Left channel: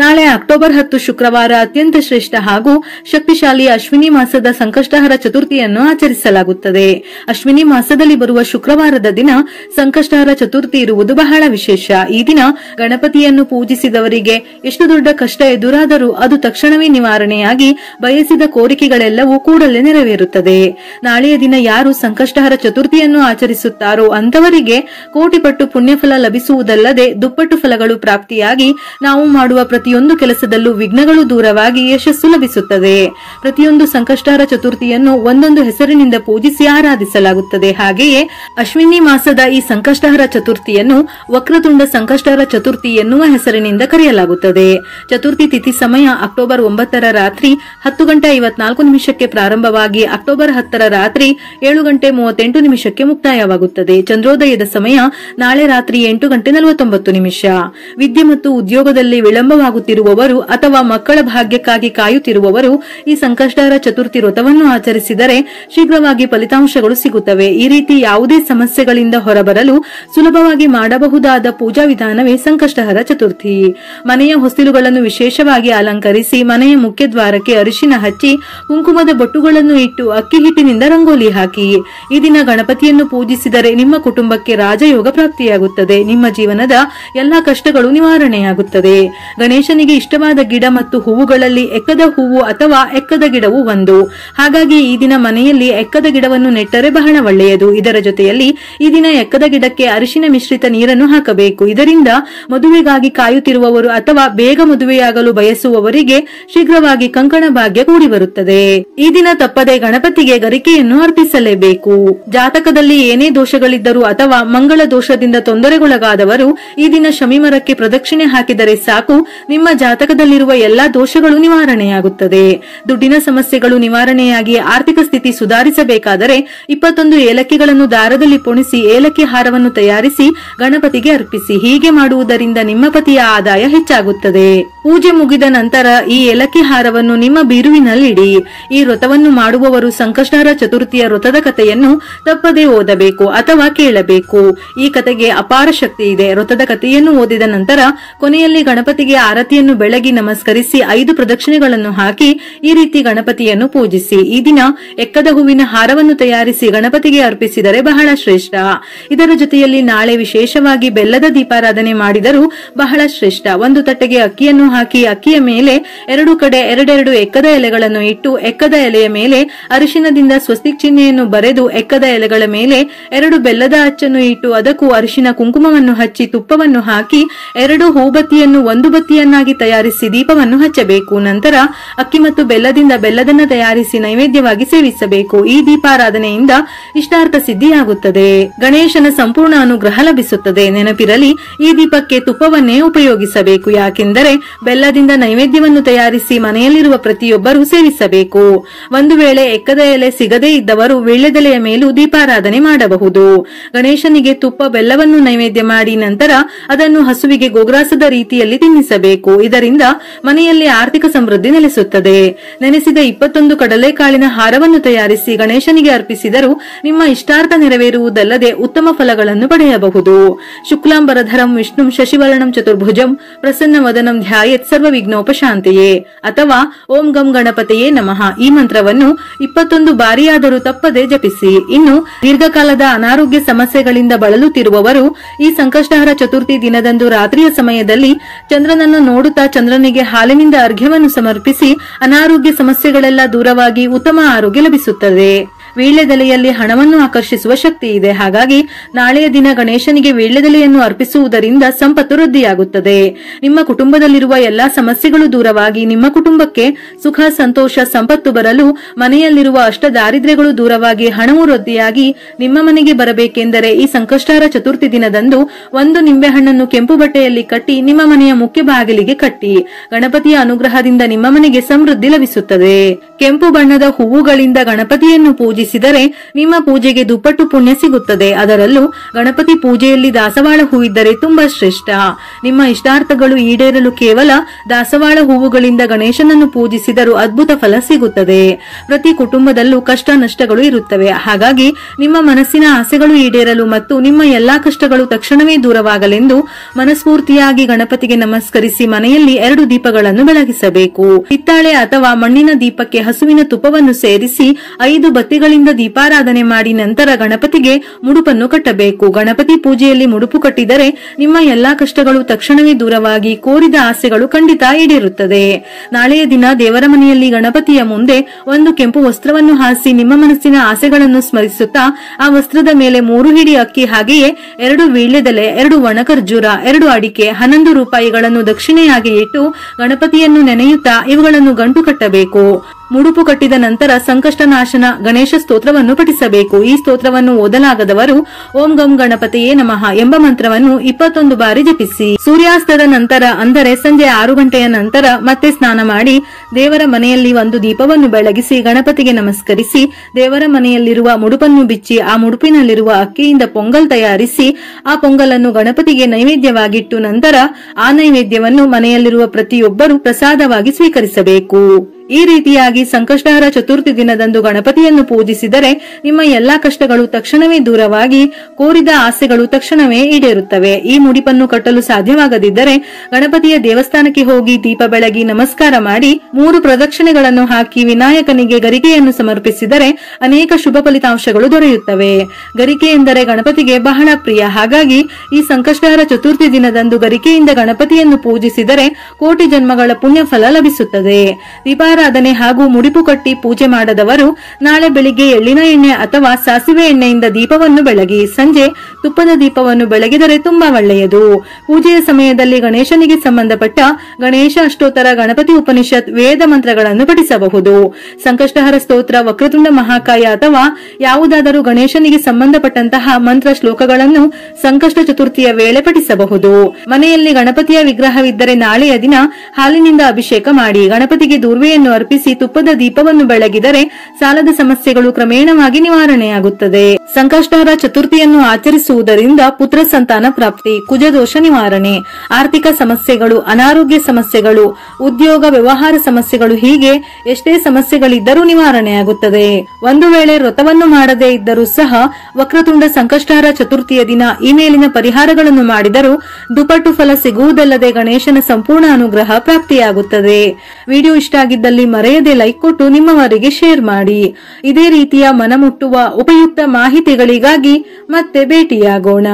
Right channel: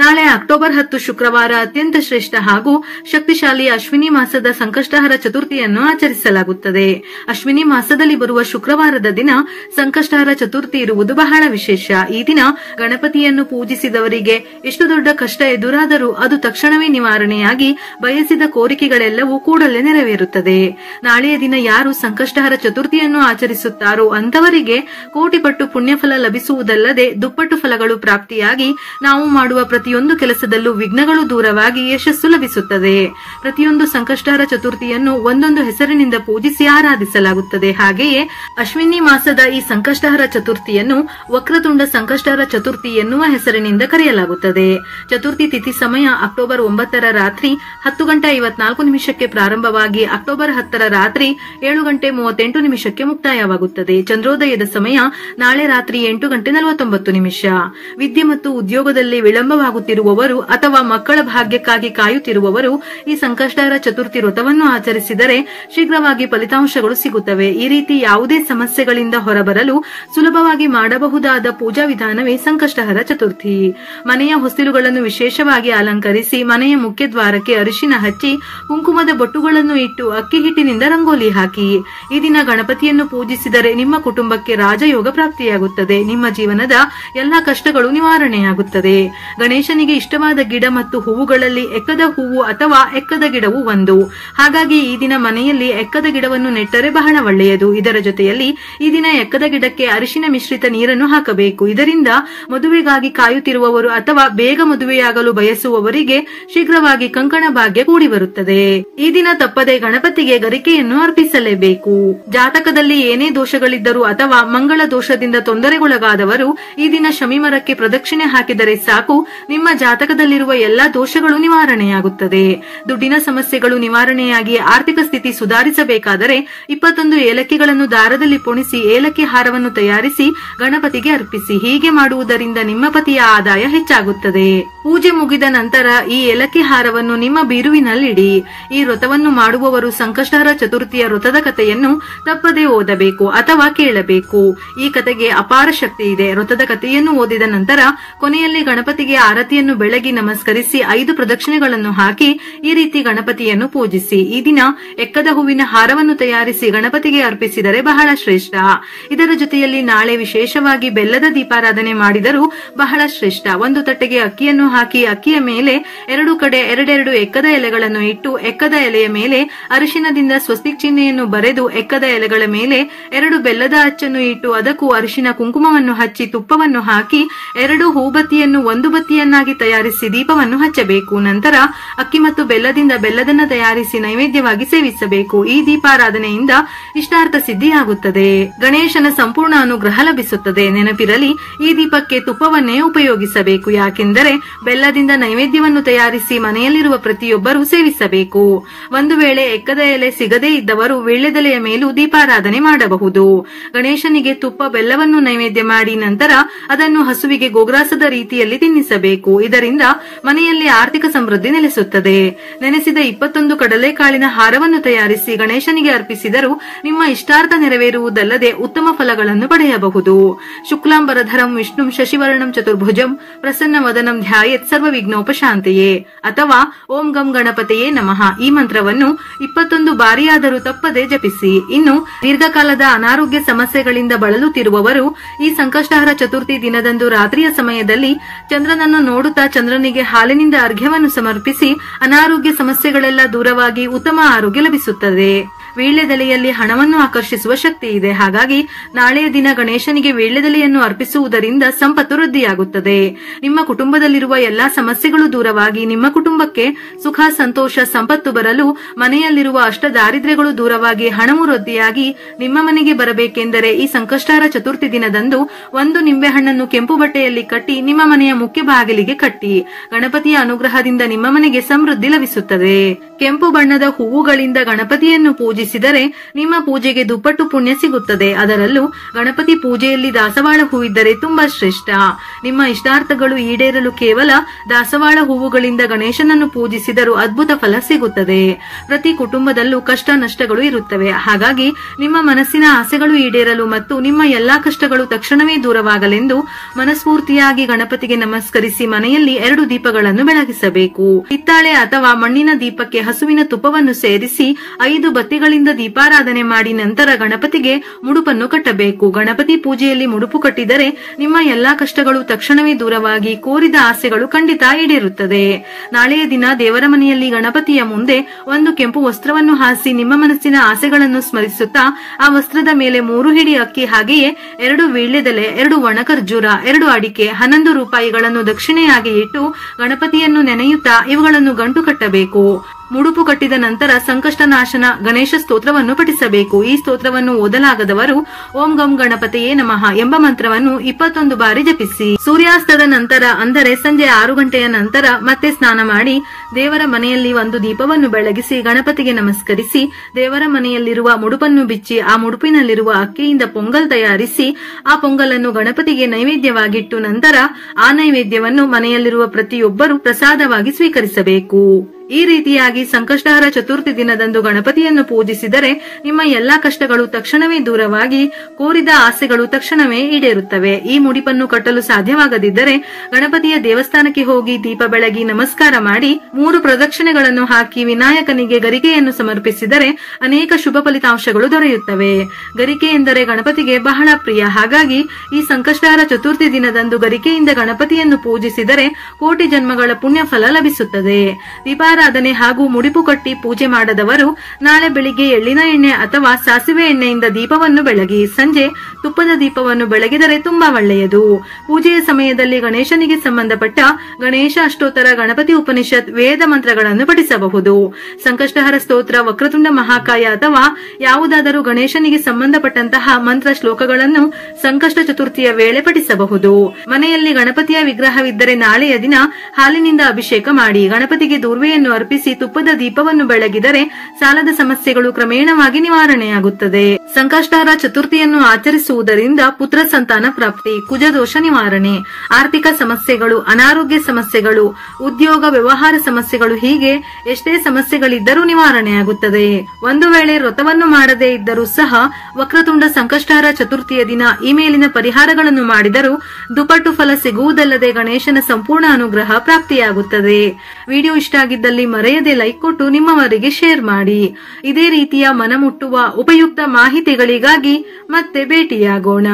ನಾಳೆ ಅಕ್ಟೋಬರ್ 10 ಶುಕ್ರವಾರ ಅತ್ಯಂತ ಶ್ರೇಷ್ಠ ಹಾಗೂ ಶಕ್ತಿಶಾಲಿ ಅಶ್ವಿನಿ ಮಾಸದ ಸಂಕಷ್ಟಹರ ಚತುರ್ಥಿಯನ್ನು ಆಚರಿಸಲಾಗುತ್ತದೆ. ಅಶ್ವಿನಿ ಮಾಸದಲ್ಲಿ ಬರುವ ಶುಕ್ರವಾರದ ದಿನ ಸಂಕಷ್ಟಹರ ಚತುರ್ಥಿ ಇರುವುದು ಬಹಳ ವಿಶೇಷ. ಈ ದಿನ ಗಣಪತಿಯನ್ನು ಪೂಜಿಸಿದವರಿಗೆ ಎಷ್ಟು ದೊಡ್ಡ ಕಷ್ಟ ಎದುರಾದರೂ ಅದು ತಕ್ಷಣವೇ ನಿವಾರಣೆಯಾಗಿ ಬಯಸಿದ ಕೋರಿಕೆಗಳೆಲ್ಲವೂ ಕೂಡಲೇ ನೆರವೇರುತ್ತದೆ. ನಾಳೆಯ ದಿನ ಯಾರು ಸಂಕಷ್ಟಹರ ಚತುರ್ಥಿಯನ್ನು ಆಚರಿಸುತ್ತಾರೋ ಅಂತವರಿಗೆ ಕೋಟಿ ಪಟ್ಟು ಪುಣ್ಯಫಲ ಲಭಿಸುವುದಲ್ಲದೆ ದುಪ್ಪಟ್ಟು ಫಲಗಳು ಪ್ರಾಪ್ತಿಯಾಗಿ ನಾವು ಮಾಡುವ ಪ್ರತಿಯೊಂದು ಕೆಲಸದಲ್ಲೂ ವಿಘ್ನಗಳು ದೂರವಾಗಿ ಯಶಸ್ಸು ಲಭಿಸುತ್ತದೆ. ಪ್ರತಿಯೊಂದು ಸಂಕಷ್ಟಹರ ಚತುರ್ಥಿಯನ್ನು ಒಂದೊಂದು ಹೆಸರಿನಿಂದ ಪೂಜಿಸಿ ಆರಾಧಿಸಲಾಗುತ್ತದೆ. ಹಾಗೆಯೇ ಅಶ್ವಿನಿ ಮಾಸದ ಈ ಸಂಕಷ್ಟಹರ ಚತುರ್ಥಿಯನ್ನು ವಕ್ರತುಂಡ ಸಂಕಷ್ಟಹರ ಚತುರ್ಥಿ ಎನ್ನುವ ಹೆಸರಿನಿಂದ ಕರೆಯಲಾಗುತ್ತದೆ. ಚತುರ್ಥಿ ತಿಥಿ ಸಮಯ ಅಕ್ಟೋಬರ್ 9 ರಾತ್ರಿ 10:54 ಪ್ರಾರಂಭವಾಗಿ ಅಕ್ಟೋಬರ್ 10 ರಾತ್ರಿ 7:38 ಮುಕ್ತಾಯವಾಗುತ್ತದೆ. ಚಂದ್ರೋದಯದ ಸಮಯ ನಾಳೆ ರಾತ್ರಿ 8:49. ವಿದ್ಯೆ ಮತ್ತು ಉದ್ಯೋಗದಲ್ಲಿ ವಿಳಂಬವಾಗುತ್ತಿರುವವರು ಅಥವಾ ಮಕ್ಕಳ ಭಾಗ್ಯಕ್ಕಾಗಿ ಕಾಯುತ್ತಿರುವವರು ಈ ಸಂಕಷ್ಟಹರ ಚತುರ್ಥಿ ವ್ರತವನ್ನು ಆಚರಿಸಿದರೆ ಶೀಘ್ರವಾಗಿ ಫಲಿತಾಂಶಗಳು ಸಿಗುತ್ತವೆ. ಈ ರೀತಿ ಯಾವುದೇ ಸಮಸ್ಯೆಗಳಿಂದ ಹೊರಬರಲು ಸುಲಭವಾಗಿ ಮಾಡಬಹುದಾದ ಪೂಜಾ ವಿಧಾನವೇ ಸಂಕಷ್ಟಹರ ಚತುರ್ಥಿ. ಮನೆಯ ಹೊಸ್ತಿಲುಗಳನ್ನು ವಿಶೇಷವಾಗಿ ಅಲಂಕರಿಸಿ ಮನೆಯ ಮುಖ್ಯ ದ್ವಾರಕ್ಕೆ ಅರಿಶಿನ ಹಚ್ಚಿ ಕುಂಕುಮದ ಬೊಟ್ಟುಗಳನ್ನು ಇಟ್ಟು ಅಕ್ಕಿ ಹಿಟ್ಟಿನಿಂದ ರಂಗೋಲಿ ಹಾಕಿ. ಈ ದಿನ ಗಣಪತಿಯನ್ನು ಪೂಜಿಸಿದರೆ ನಿಮ್ಮ ಕುಟುಂಬಕ್ಕೆ ರಾಜಯೋಗ ಪ್ರಾಪ್ತಿಯಾಗುತ್ತದೆ. ನಿಮ್ಮ ಜೀವನದ ಎಲ್ಲಾ ಕಷ್ಟಗಳು ನಿವಾರಣೆಯಾಗುತ್ತದೆ. ಗಣೇಶನಿಗೆ ಇಷ್ಟವಾದ ಗಿಡ ಮತ್ತು ಹೂವುಗಳಲ್ಲಿ ಎಕ್ಕದ ಹೂವು ಅಥವಾ ಎಕ್ಕದ ಗಿಡವು ಒಂದು. ಹಾಗಾಗಿ ಈ ದಿನ ಮನೆಯಲ್ಲಿ ಎಕ್ಕದ ಗಿಡವನ್ನು ನೆಟ್ಟರೆ ಬಹಳ ಒಳ್ಳೆಯದು. ಇದರ ಜೊತೆಯಲ್ಲಿ ಈ ದಿನ ಎಕ್ಕದ ಗಿಡಕ್ಕೆ ಅರಿಶಿನ ಮಿಶ್ರಿತ ನೀರನ್ನು ಹಾಕಬೇಕು. ಇದರಿಂದ ಮದುವೆಗಾಗಿ ಕಾಯುತ್ತಿರುವವರು ಅಥವಾ ಬೇಗ ಮದುವೆಯಾಗಲು ಬಯಸುವವರಿಗೆ ಶೀಘ್ರವಾಗಿ ಕಂಕಣ ಭಾಗ್ಯ ಕೂಡಿ ಬರುತ್ತದೆ. ಈ ದಿನ ತಪ್ಪದೆ ಗಣಪತಿಗೆ ಗರಿಕೆಯನ್ನು ಅರ್ಪಿಸಲೇಬೇಕು. ಜಾತಕದಲ್ಲಿ ಏನೇ ದೋಷಗಳಿದ್ದರೂ ಅಥವಾ ಮಂಗಳ ದೋಷದಿಂದ ತೊಂದರೆಗೊಳಗಾದವರು ಈ ದಿನ ಶಮೀಮರಕ್ಕೆ ಪ್ರದಕ್ಷಿಣೆ ಹಾಕಿದರೆ ಸಾಕು, ನಿಮ್ಮ ಜಾತಕದಲ್ಲಿರುವ ಎಲ್ಲಾ ದೋಷಗಳು ನಿವಾರಣೆಯಾಗುತ್ತದೆ. ದುಡ್ಡಿನ ಸಮಸ್ಯೆಗಳು ನಿವಾರಣೆಯಾಗಿ ಆರ್ಥಿಕ ಸ್ಥಿತಿ ಸುಧಾರಿಸಬೇಕಾದರೆ 21 ಏಲಕ್ಕಿಗಳನ್ನು ದಾರದಲ್ಲಿ ಪೊಣಿಸಿ ಏಲಕ್ಕಿ ಹಾರವನ್ನು ತಯಾರಿಸಿ ಗಣಪತಿಗೆ ಅರ್ಪಿಸಿ. ಹೀಗೆ ಮಾಡುವುದರಿಂದ ನಿಮ್ಮ ಪತಿಯ ಆದಾಯ ಹೆಚ್ಚಾಗುತ್ತದೆ. ಪೂಜೆ ಮುಗಿದ ನಂತರ ಈ ಏಲಕ್ಕಿ ಹಾರವನ್ನು ನಿಮ್ಮ ಬೀರುವಿನಲ್ಲಿಡಿ. ಈ ವ್ರತವನ್ನು ಮಾಡುವವರು ಸಂಕಷ್ಟಹರ ಚತುರ್ಥಿಯ ವ್ರತದ ಕಥೆಯನ್ನು ತಪ್ಪದೇ ಓದಬೇಕು ಅಥವಾ ಕೇಳಬೇಕು. ಈ ಕಥೆಗೆ ಅಪಾರ ಶಕ್ತಿ ಇದೆ. ವ್ರತದ ಕಥೆಯನ್ನು ಓದಿದ ನಂತರ ಕೊನೆಯಲ್ಲಿ ಗಣಪತಿಗೆ ಆರತಿಯನ್ನು ಬೆಳಗಿ ನಮಸ್ಕರಿಸಿ 5 ಪ್ರದಕ್ಷಿಣೆಗಳನ್ನು ಹಾಕಿ ಈ ರೀತಿ ಗಣಪತಿಯನ್ನು ಪೂಜಿಸಿ. ಈ ದಿನ ಎಕ್ಕದ ಹೂವಿನ ಹಾರವನ್ನು ತಯಾರಿಸಿ ಗಣಪತಿಗೆ ಅರ್ಪಿಸಿದರೆ ಬಹಳ ಶ್ರೇಷ್ಠ. ಇದರ ಜೊತೆಯಲ್ಲಿ ನಾಳೆ ವಿಶೇಷವಾಗಿ ಬೆಲ್ಲದ ದೀಪಾರಾಧನೆ ಮಾಡಿದರೂ ಬಹಳ ಶ್ರೇಷ್ಠ. ಒಂದು ತಟ್ಟೆಗೆ ಅಕ್ಕಿಯನ್ನು ಹಾಕಿ ಅಕ್ಕಿಯ ಮೇಲೆ 2 ಕಡೆ 2 ಎಕ್ಕದ ಎಲೆಗಳನ್ನು ಇಟ್ಟು ಎಕ್ಕದ ಎಲೆಯ ಮೇಲೆ ಅರಿಶಿನದಿಂದ ಸ್ವಸ್ತಿಕ್ ಚಿಹ್ನೆಯನ್ನು ಬರೆದು ಎಕ್ಕದ ಎಲೆಗಳ ಮೇಲೆ 2 ಬೆಲ್ಲದ ಅಚ್ಚನ್ನು ಇಟ್ಟು ಅದಕ್ಕೂ ಅರಿಶಿನ ಕುಂಕುಮವನ್ನು ಹಚ್ಚಿ ತುಪ್ಪವನ್ನು ಹಾಕಿ 2 ಹೂಬತ್ತಿಯನ್ನು 1 ಬತ್ತಿಯನ್ನಾಗಿ ತಯಾರಿಸಿ ದೀಪವನ್ನು ಹಚ್ಚಬೇಕು. ನಂತರ ಅಕ್ಕಿ ಮತ್ತು ಬೆಲ್ಲದಿಂದ ಬೆಲ್ಲದನ್ನ ತಯಾರಿಸಿ ನೈವೇದ್ಯವಾಗಿ ಸೇವಿಸಬೇಕು. ಈ ದೀಪಾರಾಧನೆಯಿಂದ ಇಷ್ಟಾರ್ಥ ಸಿದ್ಧಿಯಾಗುತ್ತದೆ. ಗಣೇಶನ ಸಂಪೂರ್ಣ ಅನುಗ್ರಹ ಲಭಿಸುತ್ತದೆ. ನೆನಪಿರಲಿ, ಈ ದೀಪಕ್ಕೆ ತುಪ್ಪವನ್ನೇ ಉಪಯೋಗಿಸಬೇಕು. ಯಾಕೆಂದರೆ ಬೆಲ್ಲದಿಂದ ನೈವೇದ್ಯವನ್ನು ತಯಾರಿಸಿ ಮನೆಯಲ್ಲಿರುವ ಪ್ರತಿಯೊಬ್ಬರೂ ಸೇವಿಸಬೇಕು. ಒಂದು ವೇಳೆ ಎಕ್ಕದ ಎಲೆ ಸಿಗದೇ ಇದ್ದವರು ವೀಳ್ಯದೆಲೆಯ ಮೇಲೂ ದೀಪಾರಾಧನೆ ಮಾಡಬಹುದು. ಗಣೇಶನಿಗೆ ತುಪ್ಪ ಬೆಲ್ಲವನ್ನು ನೈವೇದ್ಯ ಮಾಡಿ ನಂತರ ಅದನ್ನು ಹಸುವಿಗೆ ಗೋಗ್ರಾಸದ ರೀತಿಯಲ್ಲಿ ತಿನ್ನಿಸಬೇಕು. ಇದರಿಂದ ಮನೆಯಲ್ಲಿ ಆರ್ಥಿಕ ಸಮೃದ್ಧಿ ನೆಲೆಸುತ್ತದೆ. ನೆನೆಸಿದ 21 ಕಡಲೆಕಾಳಿನ ಹಾರವನ್ನು ತಯಾರಿಸಿ ಗಣೇಶನಿಗೆ ಅರ್ಪಿಸಿದರೂ ನಿಮ್ಮ ಇಷ್ಟಾರ್ಥ ನೆರವೇರುವುದಲ್ಲದೆ ಉತ್ತಮ ಫಲಗಳನ್ನು ಪಡೆಯಬಹುದು. ಶುಕ್ಲಾಂಬರಧರಂ ವಿಷ್ಣುಂ ಶಶಿವರ್ಣಂ ಚತುರ್ಭುಜಂ ಪ್ರಸನ್ನ ವದನಂ ಧ್ಯಾಯೇತ್ ಸರ್ವ ವಿಘ್ನೋಪಶಾಂತಯೇ ಅಥವಾ ಓಂ ಗಂ ಗಣಪತಿಯೇ ನಮಃ ಈ ಮಂತ್ರವನ್ನು 21 ಬಾರಿಯಾದರೂ ತಪ್ಪದೆ ಜಪಿಸಿ. ಇನ್ನು ದೀರ್ಘಕಾಲದ ಅನಾರೋಗ್ಯ ಸಮಸ್ಯೆಗಳಿಂದ ಬಳಲುತ್ತಿರುವವರು ಈ ಸಂಕಷ್ಟಹರ ಚತುರ್ಥಿ ದಿನದಂದು ರಾತ್ರಿಯ ಸಮಯದಲ್ಲಿ ಚಂದ್ರನನ್ನು ನೋಡುತ್ತಾ ಚಂದ್ರನಿಗೆ ಹಾಲಿನಿಂದ ಅರ್ಘ್ಯವನ್ನು ಸಮರ್ಪಿಸಿ ಅನಾರೋಗ್ಯ ಸಮಸ್ಯೆಗಳೆಲ್ಲ ದೂರವಾಗಿ ಉತ್ತಮ ಆರೋಗ್ಯ ಲಭಿಸುತ್ತದೆ. ವೀಳ್ಯದೆಲೆಯಲ್ಲಿ ಹಣವನ್ನು ಆಕರ್ಷಿಸುವ ಶಕ್ತಿ ಇದೆ. ಹಾಗಾಗಿ ನಾಳೆಯ ದಿನ ಗಣೇಶನಿಗೆ ವೀಳ್ಯದೆಲೆಯನ್ನು ಅರ್ಪಿಸುವುದರಿಂದ ಸಂಪತ್ತು ವೃದ್ಧಿಯಾಗುತ್ತದೆ. ನಿಮ್ಮ ಕುಟುಂಬದಲ್ಲಿರುವ ಎಲ್ಲಾ ಸಮಸ್ಯೆಗಳು ದೂರವಾಗಿ ನಿಮ್ಮ ಕುಟುಂಬಕ್ಕೆ ಸುಖ ಸಂತೋಷ ಸಂಪತ್ತು ಬರಲು ಮನೆಯಲ್ಲಿರುವ ಅಷ್ಟ ದಾರಿದ್ರ್ಯಗಳು ದೂರವಾಗಿ ಹಣವು ವೃದ್ಧಿಯಾಗಿ ನಿಮ್ಮ ಮನೆಗೆ ಬರಬೇಕೆಂದರೆ ಈ ಸಂಕಷ್ಟಹರ ಚತುರ್ಥಿ ದಿನದಂದು 1 ನಿಂಬೆಹಣ್ಣನ್ನು ಕೆಂಪು ಬಟ್ಟೆಯಲ್ಲಿ ಕಟ್ಟಿ ನಿಮ್ಮ ಮನೆಯ ಮುಖ್ಯ ಬಾಗಿಲಿಗೆ ಕಟ್ಟಿ. ಗಣಪತಿಯ ಅನುಗ್ರಹದಿಂದ ನಿಮ್ಮ ಮನೆಗೆ ಸಮೃದ್ಧಿ ಲಭಿಸುತ್ತದೆ. ಕೆಂಪು ಬಣ್ಣದ ಹೂವುಗಳಿಂದ ಗಣಪತಿಯನ್ನು ಪೂಜಿಸಿದರೆ ನಿಮ್ಮ ಪೂಜೆಗೆ ದುಪ್ಪಟ್ಟು ಪುಣ್ಯ ಸಿಗುತ್ತದೆ. ಅದರಲ್ಲೂ ಗಣಪತಿ ಪೂಜೆಯಲ್ಲಿ ದಾಸವಾಳ ಹೂವಿದ್ದರೆ ತುಂಬಾ ಶ್ರೇಷ್ಠ. ನಿಮ್ಮ ಇಷ್ಟಾರ್ಥಗಳು ಈಡೇರಲು ಕೇವಲ ದಾಸವಾಳ ಹೂವುಗಳಿಂದ ಗಣೇಶನನ್ನು ಪೂಜಿಸಿದರೂ ಅದ್ಭುತ ಫಲ ಸಿಗುತ್ತದೆ. ಪ್ರತಿ ಕುಟುಂಬದಲ್ಲೂ ಕಷ್ಟ ನಷ್ಟಗಳು ಇರುತ್ತವೆ. ಹಾಗಾಗಿ ನಿಮ್ಮ ಮನಸ್ಸಿನ ಆಸೆಗಳು ಈಡೇರಲು ಮತ್ತು ನಿಮ್ಮ ಎಲ್ಲಾ ಕಷ್ಟಗಳು ತಕ್ಷಣವೇ ದೂರವಾಗಲೆಂದು ಮನಸ್ಫೂರ್ತಿಯಾಗಿ ಗಣಪತಿಗೆ ನಮಸ್ಕರಿಸಿ ಮನೆಯಲ್ಲಿ 2 ದೀಪಗಳನ್ನು ಬೆಳಗಿಸಬೇಕು. ಹಿತ್ತಾಳೆ ಅಥವಾ ಮಣ್ಣಿನ ದೀಪಕ್ಕೆ ಹಸುವಿನ ತುಪ್ಪವನ್ನು ಸೇರಿಸಿ 5 ಬತ್ತಿಗಳಿಂದ ದೀಪಾರಾಧನೆ ಮಾಡಿ ನಂತರ ಗಣಪತಿಗೆ ಮುಡುಪನ್ನು ಕಟ್ಟಬೇಕು. ಗಣಪತಿ ಪೂಜೆಯಲ್ಲಿ ಮುಡುಪು ಕಟ್ಟಿದರೆ ನಿಮ್ಮ ಎಲ್ಲಾ ಕಷ್ಟಗಳು ತಕ್ಷಣವೇ ದೂರವಾಗಿ ಕೋರಿದ ಆಸೆಗಳು ಖಂಡಿತ ಈಡೇರುತ್ತದೆ. ನಾಳೆಯ ದಿನ ದೇವರ ಮನೆಯಲ್ಲಿ ಗಣಪತಿಯ ಮುಂದೆ ಒಂದು ಕೆಂಪು ವಸ್ತ್ರವನ್ನು ಹಾಸಿ ನಿಮ್ಮ ಮನಸ್ಸಿನ ಆಸೆಗಳನ್ನು ಸ್ಮರಿಸುತ್ತಾ ಆ ವಸ್ತ್ರದ ಮೇಲೆ 3 ಹಿಡಿ ಅಕ್ಕಿ ಹಾಗೆಯೇ 2 ವೀಳ್ಯದೆಲೆ, 2 ಒಣಖರ್ಜೂರ, 2 ಅಡಿಕೆ, 11 ರೂಪಾಯಿಗಳನ್ನು ದಕ್ಷಿಣೆಯಾಗಿ ಇಟ್ಟು ಗಣಪತಿಯನ್ನು ನೆನೆಯುತ್ತಾ ಇವುಗಳನ್ನು ಗಂಟು ಕಟ್ಟಬೇಕು. ಮುಡುಪು ಕಟ್ಟಿದ ನಂತರ ಸಂಕಷ್ಟ ನಾಶನ ಗಣೇಶ ಸ್ತೋತ್ರವನ್ನು ಪಠಿಸಬೇಕು. ಈ ಸ್ತೋತ್ರವನ್ನು ಓದಲಾಗದವರು ಓಂ ಗಂ ಗಣಪತಿಯೇ ನಮಃ ಎಂಬ ಮಂತ್ರವನ್ನು 21 ಬಾರಿ ಜಪಿಸಿ. ಸೂರ್ಯಾಸ್ತದ ನಂತರ ಅಂದರೆ ಸಂಜೆ 6 ಗಂಟೆಯ ನಂತರ ಮತ್ತೆ ಸ್ನಾನ ಮಾಡಿ ದೇವರ ಮನೆಯಲ್ಲಿ ಒಂದು ದೀಪವನ್ನು ಬೆಳಗಿಸಿ ಗಣಪತಿಗೆ ನಮಸ್ಕರಿಸಿ ದೇವರ ಮನೆಯಲ್ಲಿರುವ ಮುಡುಪನ್ನು ಬಿಚ್ಚಿ ಆ ಮುಡುಪಿನಲ್ಲಿರುವ ಅಕ್ಕಿಯಿಂದ ಪೊಂಗಲ್ ತಯಾರಿಸಿ ಆ ಪೊಂಗಲನ್ನು ಗಣಪತಿಗೆ ನೈವೇದ್ಯವಾಗಿಟ್ಟು ನಂತರ ಆ ನೈವೇದ್ಯವನ್ನು ಮನೆಯಲ್ಲಿರುವ ಪ್ರತಿಯೊಬ್ಬರು ಪ್ರಸಾದವಾಗಿ ಸ್ವೀಕರಿಸಬೇಕು. ಈ ರೀತಿಯಾಗಿ ಸಂಕಷ್ಟಹರ ಚತುರ್ಥಿ ದಿನದಂದು ಗಣಪತಿಯನ್ನು ಪೂಜಿಸಿದರೆ ನಿಮ್ಮ ಎಲ್ಲಾ ಕಷ್ಟಗಳು ತಕ್ಷಣವೇ ದೂರವಾಗಿ ಕೋರಿದ ಆಸೆಗಳು ತಕ್ಷಣವೇ ಈಡೇರುತ್ತವೆ. ಈ ಮುಡಿಪನ್ನು ಕಟ್ಟಲು ಸಾಧ್ಯವಾಗದಿದ್ದರೆ ಗಣಪತಿಯ ದೇವಸ್ಥಾನಕ್ಕೆ ಹೋಗಿ ದೀಪ ಬೆಳಗಿ ನಮಸ್ಕಾರ ಮಾಡಿ 3 ಪ್ರದಕ್ಷಿಣೆಗಳನ್ನು ಹಾಕಿ ವಿನಾಯಕನಿಗೆ ಗರಿಕೆಯನ್ನು ಸಮರ್ಪಿಸಿದರೆ ಅನೇಕ ಶುಭ ಫಲಿತಾಂಶಗಳು ದೊರೆಯುತ್ತವೆ. ಗರಿಕೆ ಎಂದರೆ ಗಣಪತಿಗೆ ಬಹಳ ಪ್ರಿಯ. ಹಾಗಾಗಿ ಈ ಸಂಕಷ್ಟಹರ ಚತುರ್ಥಿ ದಿನದಂದು ಗರಿಕೆಯಿಂದ ಗಣಪತಿಯನ್ನು ಪೂಜಿಸಿದರೆ ಕೋಟಿ ಜನ್ಮಗಳ ಪುಣ್ಯ ಫಲ ಲಭಿಸುತ್ತದೆ. ದೀಪಾರಾಧನೆ ಹಾಗೂ ಮುಡಿಪು ಕಟ್ಟಿ ಪೂಜೆ ಮಾಡದವರು ನಾಳೆ ಬೆಳಿಗ್ಗೆ ಎಳ್ಳಿನ ಎಣ್ಣೆ ಅಥವಾ ಸಾಸಿವೆ ಎಣ್ಣೆಯಿಂದ ದೀಪವನ್ನು ಬೆಳಗಿ ಸಂಜೆ ತುಪ್ಪದ ದೀಪವನ್ನು ಬೆಳಗಿದರೆ ತುಂಬಾ ಒಳ್ಳೆಯದು. ಪೂಜೆಯ ಸಮಯದಲ್ಲಿ ಗಣೇಶನಿಗೆ ಸಂಬಂಧಪಟ್ಟ ಗಣೇಶ ಅಷ್ಟೋತ್ತರ, ಗಣಪತಿ ಉಪನಿಷತ್, ವೇದ ಮಂತ್ರಗಳನ್ನು ಪಠಿಸಬಹುದು. ಸಂಕಷ್ಟಹರ ಸ್ತೋತ್ರ, ವಕ್ರತುಂಡ ಮಹಾಕಾಯ ಅಥವಾ ಯಾವುದಾದರೂ ಗಣೇಶನಿಗೆ ಸಂಬಂಧಪಟ್ಟಂತಹ ಮಂತ್ರ ಶ್ಲೋಕಗಳನ್ನು ಸಂಕಷ್ಟ ಚತುರ್ಥಿಯ ವೇಳೆ ಪಠಿಸಬಹುದು. ಮನೆಯಲ್ಲಿ ಗಣಪತಿಯ ವಿಗ್ರಹವಿದ್ದರೆ ನಾಳೆಯ ದಿನ ಹಾಲಿನಿಂದ ಅಭಿಷೇಕ ಮಾಡಿ ಗಣಪತಿಗೆ ದೂರ್ವೆಯನ್ನು ಅರ್ಪಿಸಿ ತುಪ್ಪದ ದೀಪವನ್ನು ಬೆಳಗಿದರೆ ಸಾಲದ ಸಮಸ್ಯೆಗಳು ಕ್ರಮೇಣವಾಗಿ ನಿವಾರಣೆಯಾಗುತ್ತದೆ. ಸಂಕಷ್ಟಹರ ಚತುರ್ಥಿಯನ್ನು ಆಚರಿಸುವುದರಿಂದ ಪುತ್ರ ಸಂತಾನ ಪ್ರಾಪ್ತಿ, ಕುಜದೋಷ ನಿವಾರಣೆ, ಆರ್ಥಿಕ ಸಮಸ್ಯೆಗಳು, ಅನಾರೋಗ್ಯ ಸಮಸ್ಯೆಗಳು, ಉದ್ಯೋಗ ವ್ಯವಹಾರ ಸಮಸ್ಯೆಗಳು ಹೀಗೆ ಎಷ್ಟೇ ಸಮಸ್ಯೆಗಳಿದ್ದರೂ ನಿವಾರಣೆಯಾಗುತ್ತದೆ. ಒಂದು ವೇಳೆ ವ್ರತವನ್ನು ಮಾಡದೇ ಇದ್ದರೂ ಸಹ ವಕ್ರತುಂಡ ಸಂಕಷ್ಟಹರ ಚತುರ್ಥಿಯ ದಿನ ಈ ಮೇಲಿನ ಪರಿಹಾರಗಳನ್ನು ಮಾಡಿದರೂ ದುಪಟ್ಟು ಫಲ ಸಿಗುವುದಲ್ಲದೆ ಗಣೇಶನ ಸಂಪೂರ್ಣ ಅನುಗ್ರಹ ಪ್ರಾಪ್ತಿಯಾಗುತ್ತದೆ. ವಿಡಿಯೋ ಇಷ್ಟ ಆಗಿದ್ದಲ್ಲಿ ಮರೆಯದೆ ಲೈಕ್ ಕೊಟ್ಟು ನಿಮ್ಮವರಿಗೆ ಶೇರ್ ಮಾಡಿ. ಇದೇ ರೀತಿಯ ಮನಮುಟ್ಟುವ ಉಪಯುಕ್ತ ಮಾಹಿತಿಗಳಿಗಾಗಿ ಮತ್ತೆ ಭೇಟಿಯಾಗೋಣ.